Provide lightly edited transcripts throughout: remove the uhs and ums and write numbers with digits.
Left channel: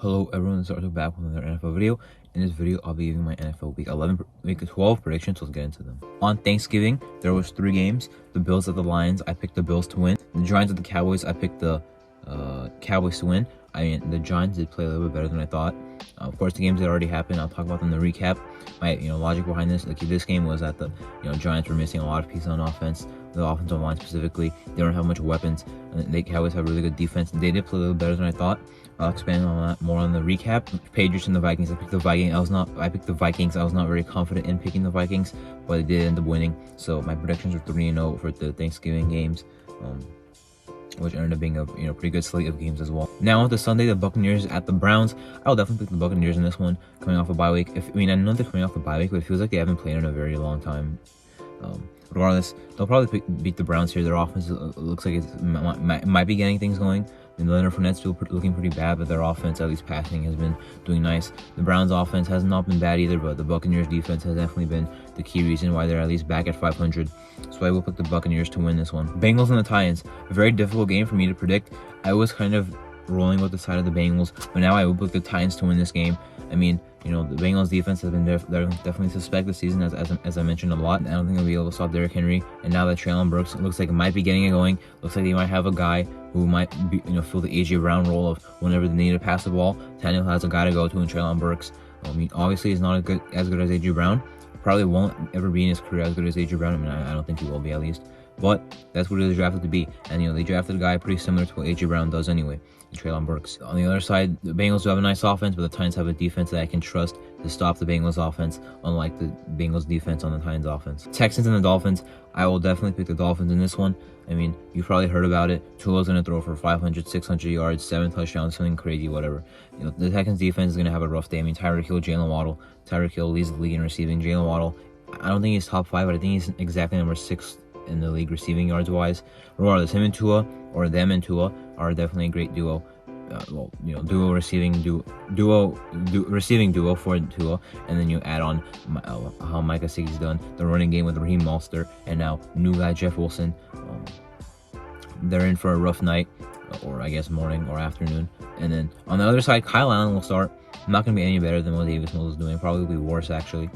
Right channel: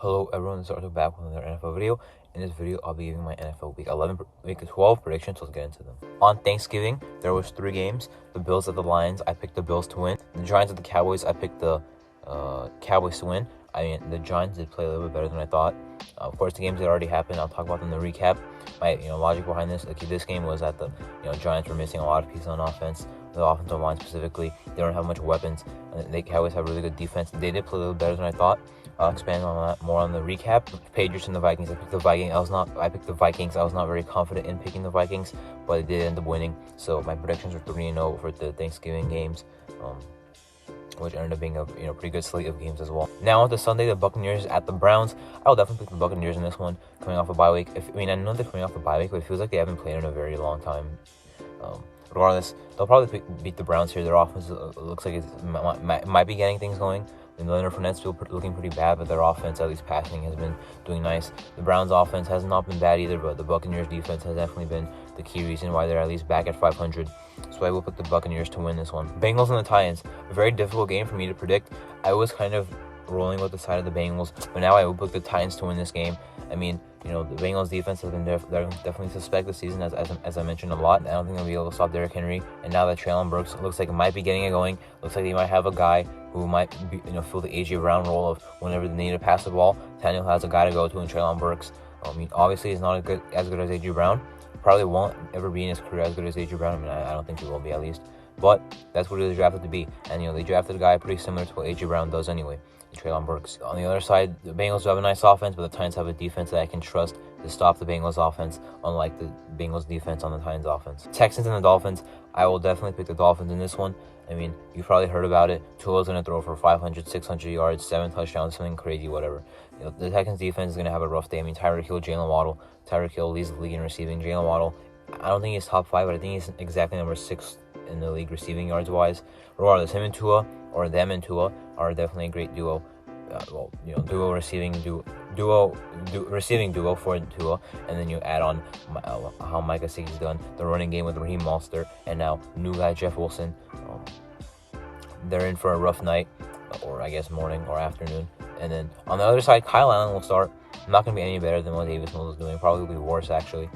Hello everyone, it's Arthur back with another NFL video. In this video, I'll be giving my NFL Week 12 predictions, so let's get into them. On Thanksgiving, there was 3 games. The Bills at the Lions, I picked the Bills to win. The Giants at the Cowboys, I picked the Cowboys to win. I mean, the Giants did play a little bit better than I thought. Of course, the games that already happened, I'll talk about them in the recap. My logic behind this, like this game was that the Giants were missing a lot of pieces on offense. The offensive line specifically, they don't have much weapons, and the Cowboys have really good defense. They did play a little better than I thought. I'll expand on that more on the recap. Patriots and the Vikings. I picked the Vikings. I picked the Vikings. I was not very confident in picking the Vikings, but they did end up winning. So my predictions are 3-0 for the Thanksgiving games, which ended up being a pretty good slate of games as well. Now on to Sunday, the Buccaneers at the Browns. I'll definitely pick the Buccaneers in this one, coming off a bye week. I know they're coming off a bye week, but it feels like they haven't played in a very long time. Regardless, they'll probably beat the Browns here. Their offense looks like it might be getting things going. And Leonard Fournette's still looking pretty bad, but their offense, at least passing, has been doing nice. The Browns' offense has not been bad either, but the Buccaneers' defense has definitely been the key reason why they're at least back at 500. So I will pick the Buccaneers to win this one. Bengals and the Titans. A very difficult game for me to predict. I was kind of rolling with the side of the Bengals, but now I will pick the Titans to win this game. I mean, the Bengals defense has been definitely suspect this season, as I mentioned a lot. I don't think they'll be able to stop Derrick Henry. And now that Treylon Burks looks like it might be getting it going, looks like they might have a guy who might be, fill the A.J. Brown role of whenever they need to pass the ball, Tannehill has a guy to go to in Treylon Burks. I mean, obviously he's not as good as A.J. Brown. Probably won't ever be in his career as good as A.J. Brown. I mean, I don't think he will be, at least. But that's what he was drafted to be. And, they drafted a guy pretty similar to what A.J. Brown does anyway, Treylon Burks. On the other side, the Bengals have a nice offense, but the Titans have a defense that I can trust to stop the Bengals offense, unlike the Bengals defense on the Titans offense. Texans and the Dolphins, I will definitely pick the Dolphins in this one. I mean, you've probably heard about it. Tua's going to throw for 500, 600 yards, 7 touchdowns, something crazy, whatever. The Texans defense is going to have a rough day. I mean, Tyreek Hill, Jalen Waddle. Tyreek Hill leads the league in receiving. Jalen Waddle, I don't think he's top 5, but I think he's exactly number 6 in the league receiving yards wise. Regardless, him and Tua, or them and Tua, are definitely a great duo. Receiving duo for Tua, and then you add on how Micah Gesicki's done, the running game with Raheem Mostert, and now new guy Jeff Wilson. They're in for a rough night, or I guess morning or afternoon. And then on the other side, Kyle Allen will start. Not going to be any better than what Davis Mills is doing. Probably worse, actually.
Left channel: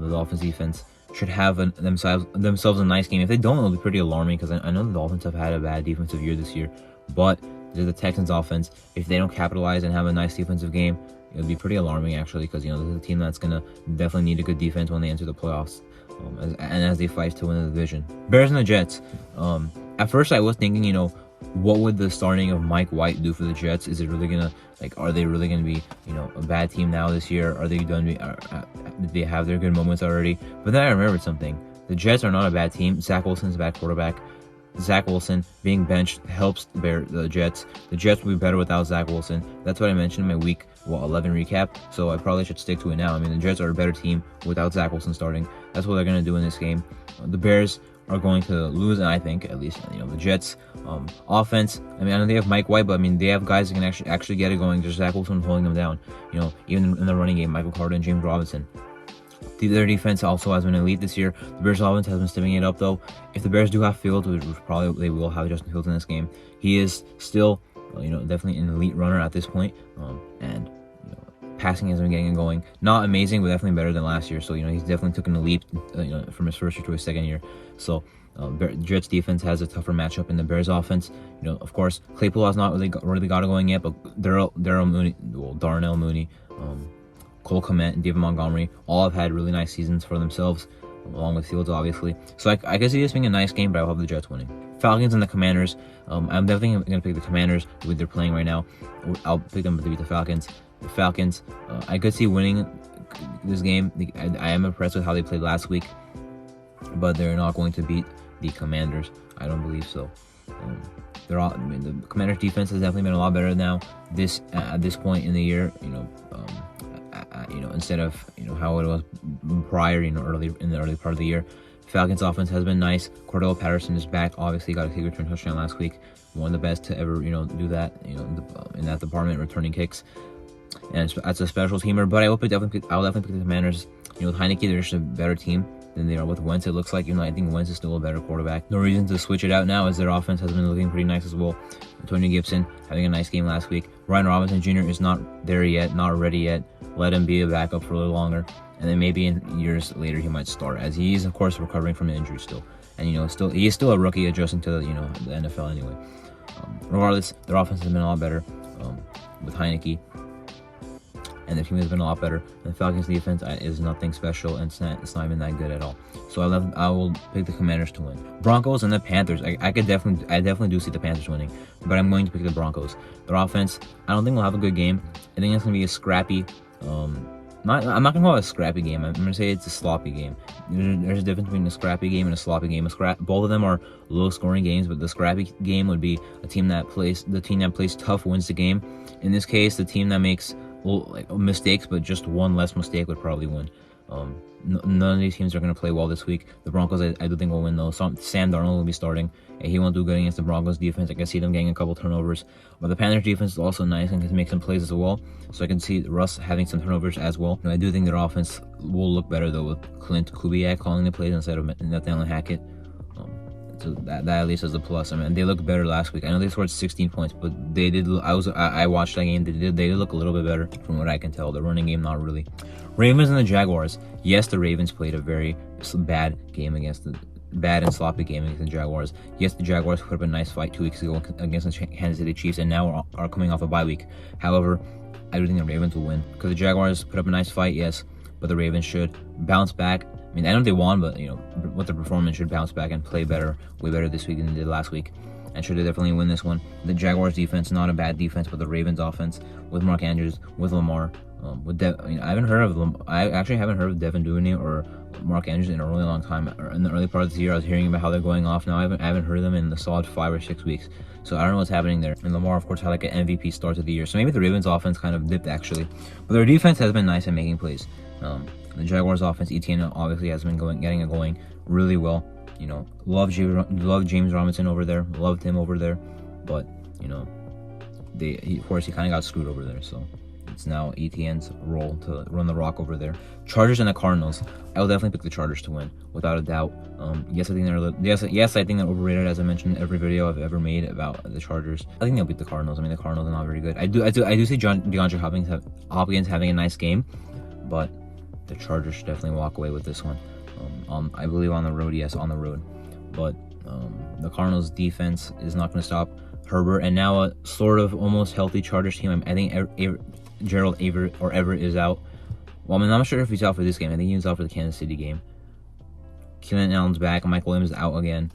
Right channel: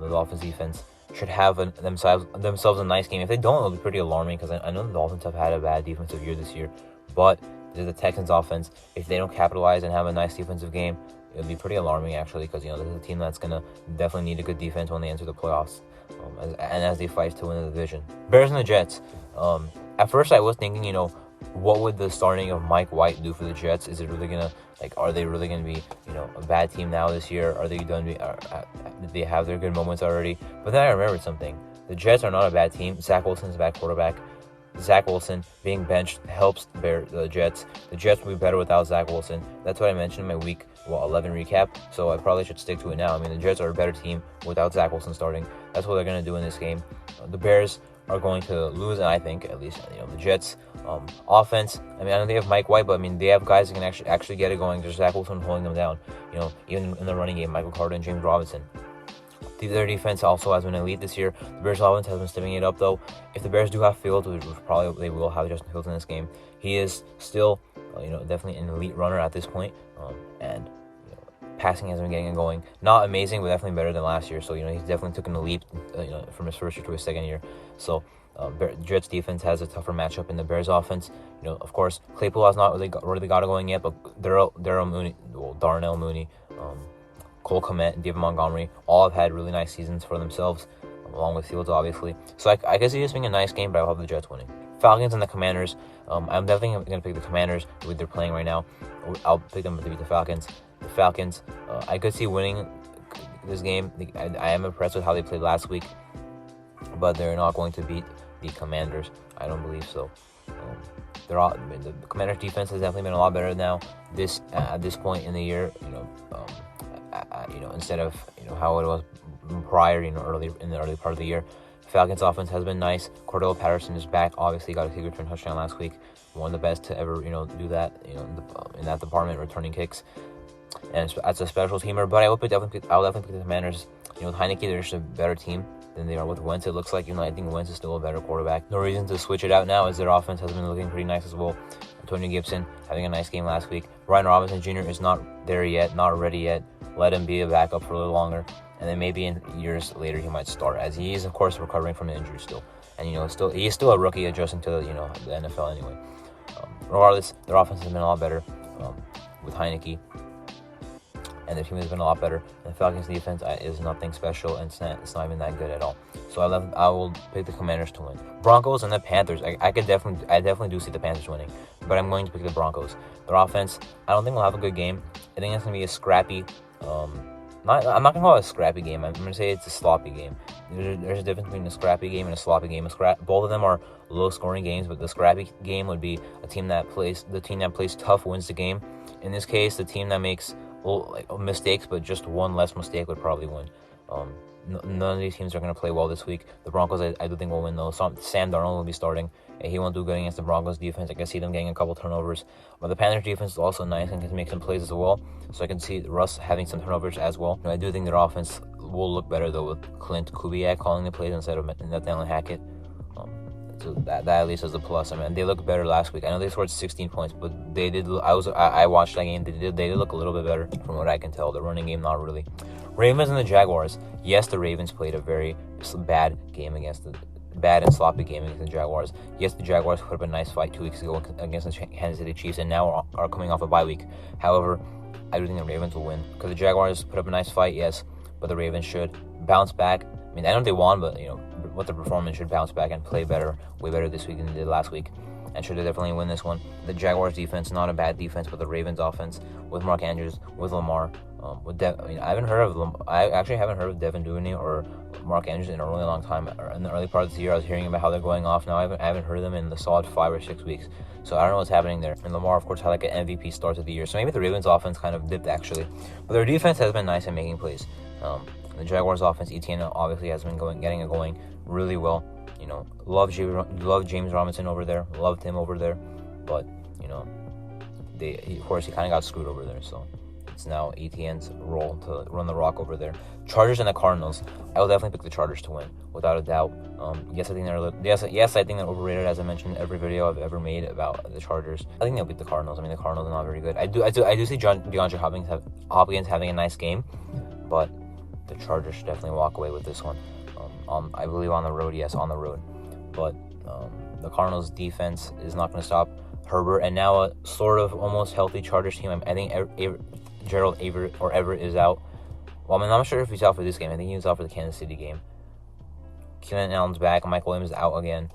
The Dolphins defense should have themselves a nice game. If they don't, it'll be pretty alarming, because I know the Dolphins have had a bad defensive year this year, but the Texans offense, if they don't capitalize and have a nice defensive game, it'll be pretty alarming, actually, because this is a team that's gonna definitely need a good defense when they enter the playoffs, as they fight to win the division. Bears and the Jets. At first I was thinking, what would the starting of Mike White do for the Jets? Is it really gonna, are they really gonna be a bad team now this year? Are they done? Did they have their good moments already? But then I remembered something. The Jets are not a bad team. Zach Wilson's a bad quarterback. Zach Wilson being benched helps the Jets. The Jets will be better without Zach Wilson. That's what I mentioned in my week 11 recap, so I probably should stick to it now. I mean, the Jets are a better team without Zach Wilson starting. That's what they're going to do in this game. The Bears are going to lose, and I think, at least, the Jets offense, I mean, I know they have Mike White, but I mean, they have guys that can actually get it going. There's Zach Wilson holding them down. Even in the running game, Michael Carter and James Robinson. Their defense also has been elite this year. The Bears' offense has been stepping it up, though. If the Bears do have Fields, which probably they will have Justin Fields in this game, he is still, definitely an elite runner at this point. And passing has been getting going. Not amazing, but definitely better than last year. So he's definitely taken a leap, from his first year to his second year. So Jets defense has a tougher matchup in the Bears offense. Of course, Claypool has not really got it going yet, but Darnell Mooney, Cole Kmet and David Montgomery all have had really nice seasons for themselves, along with Fields, obviously. So I can see this being a nice game, but I hope the Jets winning. Falcons and the Commanders. I'm definitely going to pick the Commanders, the way they're playing right now. I'll pick them to beat the Falcons. The Falcons, I could see winning this game. I am impressed with how they played last week, but they're not going to beat the Commanders. I don't believe so. The Commanders' defense has definitely been a lot better now. At this point in the year, instead of how it was prior, early in the early part of the year. Falcons offense has been nice. Cordell Patterson is back. Obviously got a kick return touchdown last week. One of the best to ever do that in that department, returning kicks. And as a special teamer, but I'll definitely pick the Commanders. With Heineke, they're just a better team. than they are with Wentz. It looks like, I think Wentz is still a better quarterback. No reason to switch it out now, as their offense has been looking pretty nice as well. Antonio Gibson having a nice game last week. Brian Robinson Jr. is not there yet, not ready yet. Let him be a backup for a little longer, and then maybe in years later he might start, as he is of course recovering from an injury still, and he is still a rookie adjusting to the NFL anyway. Regardless, their offense has been a lot better with Heineke, and the team has been a lot better. The Falcons defense is nothing special, and it's not even that good at all. So I will pick the Commanders to win. Broncos and the Panthers. I definitely do see the Panthers winning, but I'm going to pick the Broncos. Their offense, I don't think will have a good game. I think it's going to be a scrappy. I'm not going to call it a scrappy game. I'm going to say it's a sloppy game. There's a difference between a scrappy game and a sloppy game. Both of them are low-scoring games, but the scrappy game would be the team that plays tough wins the game. In this case, the team that makes mistakes, but just one less mistake would probably win. None of these teams are going to play well this week. The Broncos, I do think will win though. Sam Darnold will be starting. He won't do good against the Broncos defense. I can see them getting a couple turnovers. But the Panthers defense is also nice and can make some plays as well. So I can see Russ having some turnovers as well. I do think their offense will look better though with Clint Kubiak calling the plays instead of Nathaniel Hackett. So that at least is a plus. I mean, they looked better last week. I know they scored 16 points, but they did. I watched that game. They did look a little bit better from what I can tell. The running game, not really. Ravens and the Jaguars. Yes, the Ravens played a very bad and sloppy game against the Jaguars. Yes, the Jaguars put up a nice fight 2 weeks ago against the Kansas City Chiefs, and now are coming off a bye week. However, I do think the Ravens will win because the Jaguars put up a nice fight. Yes, but the Ravens should bounce back. I mean, I know they won, but with the performance, should bounce back and play way better this week than they did last week, and should definitely win this one. The Jaguars defense, not a bad defense, but the Ravens offense with Mark Andrews, with Lamar, I actually haven't heard of Devin Duvernay or Mark Andrews in a really long time. In the early part of the year, I was hearing about how they're going off. Now I haven't heard of them in the solid 5 or 6 weeks. So I don't know what's happening there. And Lamar, of course, had like an MVP start to the year. So maybe the Ravens offense kind of dipped actually, but their defense has been nice at making plays. The Jaguars offense, Etienne obviously has been getting it going really well. Love James Robinson over there. Loved him over there, but of course he kind of got screwed over there. So it's now Etienne's role to run the rock over there. Chargers and the Cardinals. I will definitely pick the Chargers to win without a doubt. Yes, I think they're overrated, as I mentioned in every video I've ever made about the Chargers. I think they'll beat the Cardinals. I mean, the Cardinals are not very good. I do see DeAndre Hopkins having a nice game, but the Chargers should definitely walk away with this one. I believe on the road, yes, on the road. But the Cardinals defense is not going to stop Herbert, and now a sort of almost healthy Chargers team. I think Gerald Everett is out. Well, I'm not sure if he's out for this game. I think he was out for the Kansas City game. Keenan Allen's back. Mike Williams is out again.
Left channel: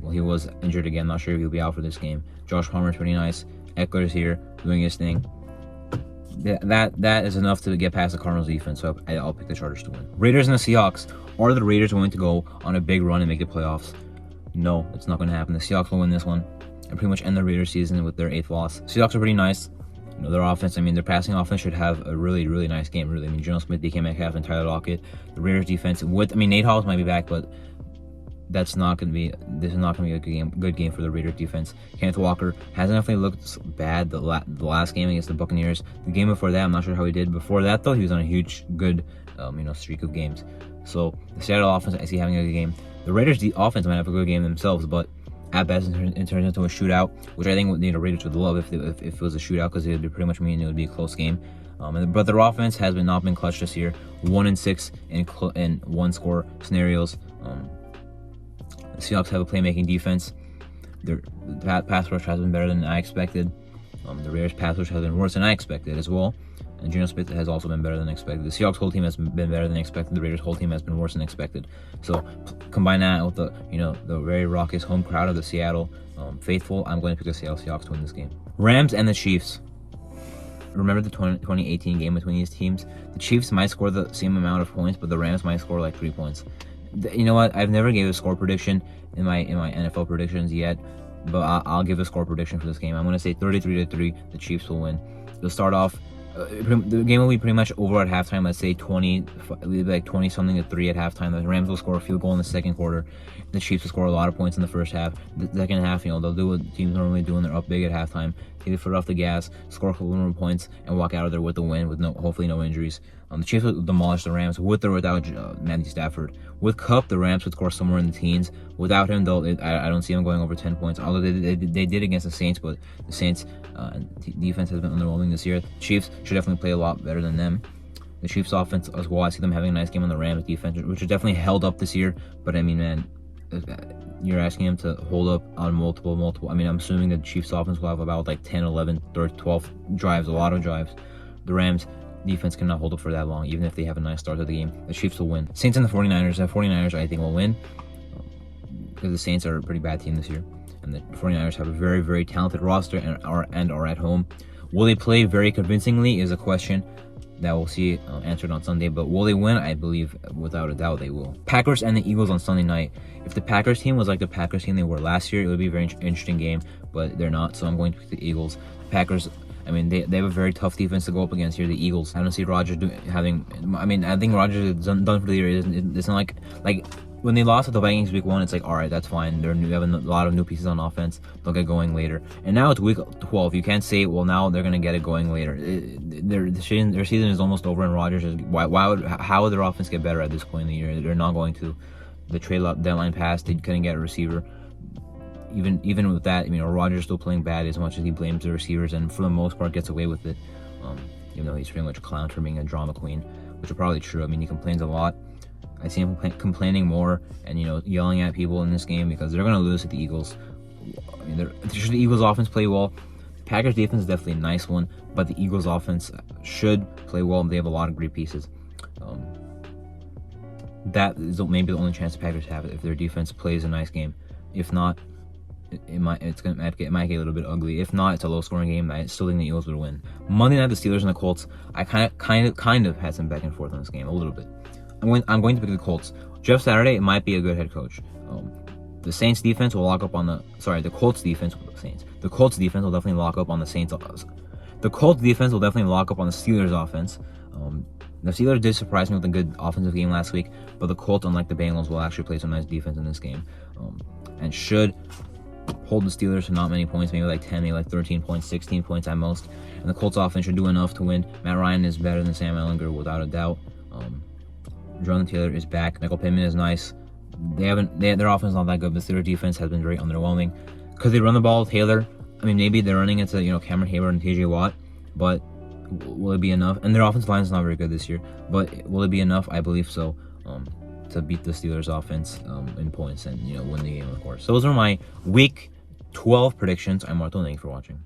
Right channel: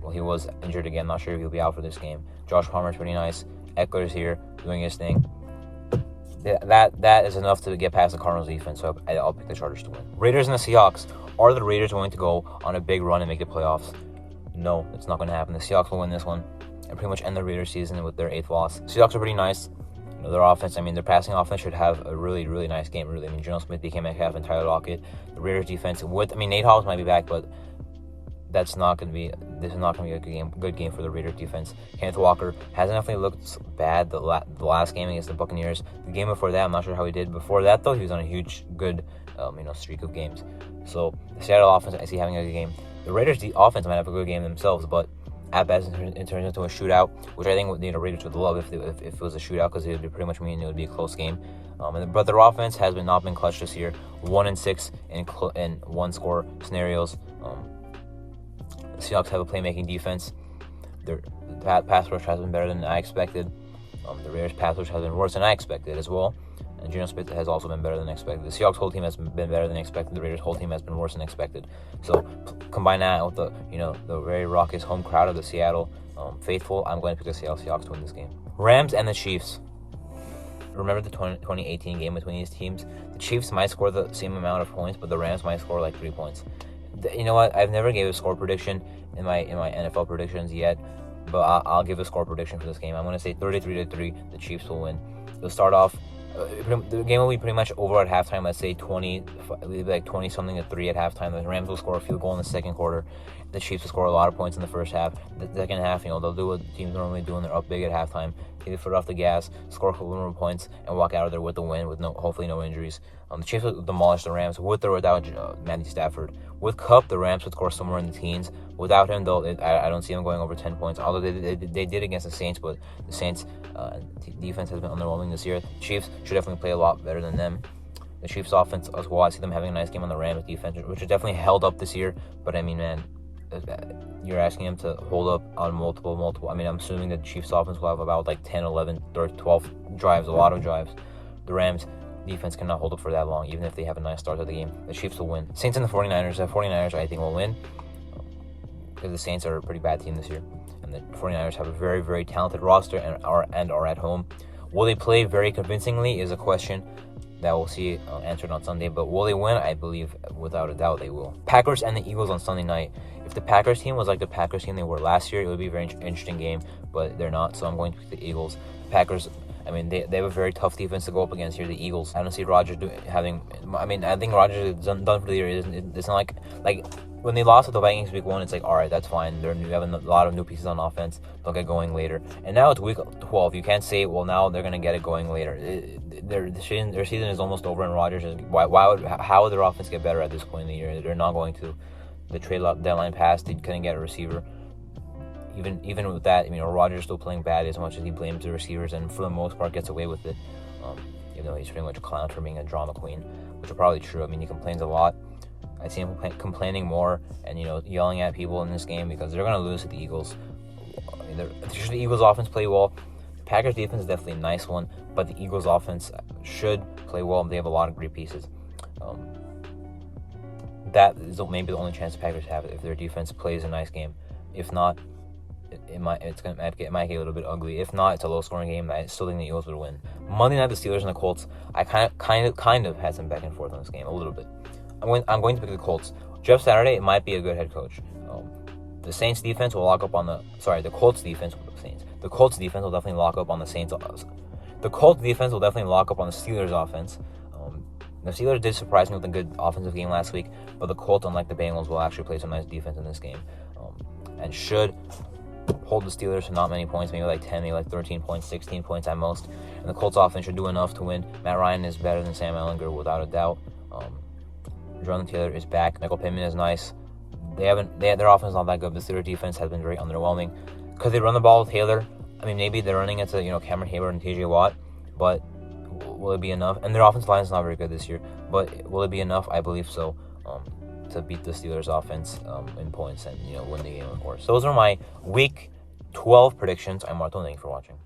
Well, he was injured again. Not sure if he'll be out for this game. Josh Palmer's pretty nice. Eckler's here doing his thing. That is enough to get past the Cardinals defense, so I'll pick the Chargers to win. Raiders and the Seahawks. Are the Raiders going to go on a big run and make the playoffs? No, it's not going to happen. The Seahawks will win this one and pretty much end the Raiders season with their 8th loss. Seahawks are pretty nice. Their offense, their passing offense should have a really, really nice game. Really, Geno Smith, DK Metcalf, and Tyler Lockett. The Raiders defense Nate Hobbs might be back, but this is not going to be a good game for the Raiders defense. Kenneth Walker hasn't definitely looked bad the last game against the Buccaneers. The game before that, I'm not sure how he did. Before that, though, he was on a good streak of games. So the Seattle offense, I see having a good game. The Raiders offense might have a good game themselves, but at best it turns into a shootout, which I think the Raiders would love if it was a shootout, because it would pretty much mean it would be a close game. But their offense has not been clutch this year. 1-6 in one-score scenarios. The Seahawks have a playmaking defense. Their pass rush has been better than I expected. The Raiders' pass rush has been worse than I expected as well. And Geno Smith has also been better than expected. The Seahawks' whole team has been better than expected. The Raiders' whole team has been worse than expected. So combine that with the very raucous home crowd of the Seattle faithful, I'm going to pick the Seattle Seahawks to win this game. Rams and the Chiefs. Remember the 2018 game between these teams? The Chiefs might score the same amount of points, but the Rams might score like 3 points. You know what? I've never gave a score prediction in my NFL predictions yet, but I'll give a score prediction for this game. I'm going to say 33-3. The Chiefs will win. They'll start off. The game will be pretty much over at halftime. Let's say 20 something to 3 at halftime. The Rams will score a field goal in the second quarter. The Chiefs will score a lot of points in the first half. The second half, they'll do what teams normally do when they're up big at halftime. Take the foot off the gas, score a couple more points, and walk out of there with the win with hopefully no injuries. The Chiefs will demolish the Rams with or without Matthew Stafford. With Cup, the Rams would score somewhere in the teens. Without him, though, I don't see them going over 10 points. Although they did against the Saints, but the Saints' defense has been underwhelming this year. The Chiefs should definitely play a lot better than them. The Chiefs' offense as well, I see them having a nice game on the Rams' defense, which is definitely held up this year. But I mean, man, you're asking him to hold up on multiple. I mean, I'm assuming the Chiefs' offense will have about like 10, 11, 12 drives, a lot of drives. The Rams' defense cannot hold up for that long, even if they have a nice start to the game. The Chiefs will win. Saints and the 49ers. The 49ers, I think, will win because the Saints are a pretty bad team this year. And the 49ers have a very, very talented roster and are at home. Will they play very convincingly is a question that we'll see answered on Sunday. But will they win? I believe without a doubt they will. Packers and the Eagles on Sunday night. If the Packers team was like the Packers team they were last year, it would be a very interesting game. But they're not, so I'm going to pick the Eagles. Packers, I mean, they have a very tough defense to go up against here. The Eagles, I don't see Rodgers having. I mean, I think Rodgers is done for the year. It's not like when they lost to the Vikings week 1, it's like, all right, that's fine. They're new, having a lot of new pieces on offense. They'll get going later. And now it's week 12. You can't say, well, now they're gonna get it going later. Their season is almost over, and Rodgers is how would their offense get better at this point in the year? They're not going to. The trade deadline passed. They couldn't get a receiver. Even with that, I mean, Rodgers still playing bad as much as he blames the receivers, and for the most part gets away with it. Even though he's pretty much a clown for being a drama queen, which is probably true. I mean, he complains a lot. I see him complaining more and yelling at people in this game because they're gonna lose to the Eagles. I mean, the Eagles offense play well. The Packers defense is definitely a nice one, but the Eagles offense should play well. They have a lot of great pieces. That is maybe the only chance the Packers have if their defense plays a nice game. If not, it might get a little bit ugly. If not, it's a low-scoring game. I still think the Eagles would win. Monday night, the Steelers and the Colts. I kind of had some back and forth in this game a little bit. I'm going to pick the Colts. Jeff Saturday might be a good head coach. The Saints defense will lock up on the Colts defense. The Colts defense will definitely lock up on the Saints. The Colts defense will definitely lock up on the Steelers offense. The Steelers did surprise me with a good offensive game last week, but the Colts, unlike the Bengals, will actually play some nice defense in this game, and should hold the Steelers to not many points, maybe like 10, maybe like 13 points, 16 points at most. And the Colts offense should do enough to win. Matt Ryan is better than Sam Ehlinger without a doubt. Jonathan Taylor is back. Michael Pittman is nice. Their offense is not that good. The Steelers defense has been very underwhelming. Could they run the ball with Taylor? I mean, maybe they're running it to Cameron Hayward and TJ Watt, but will it be enough? And their offensive line is not very good this year, but will it be enough? I believe so. To beat the Steelers offense in points and win the game, of course. So those are my week 12 predictions. I'm Marto. Thank you for watching.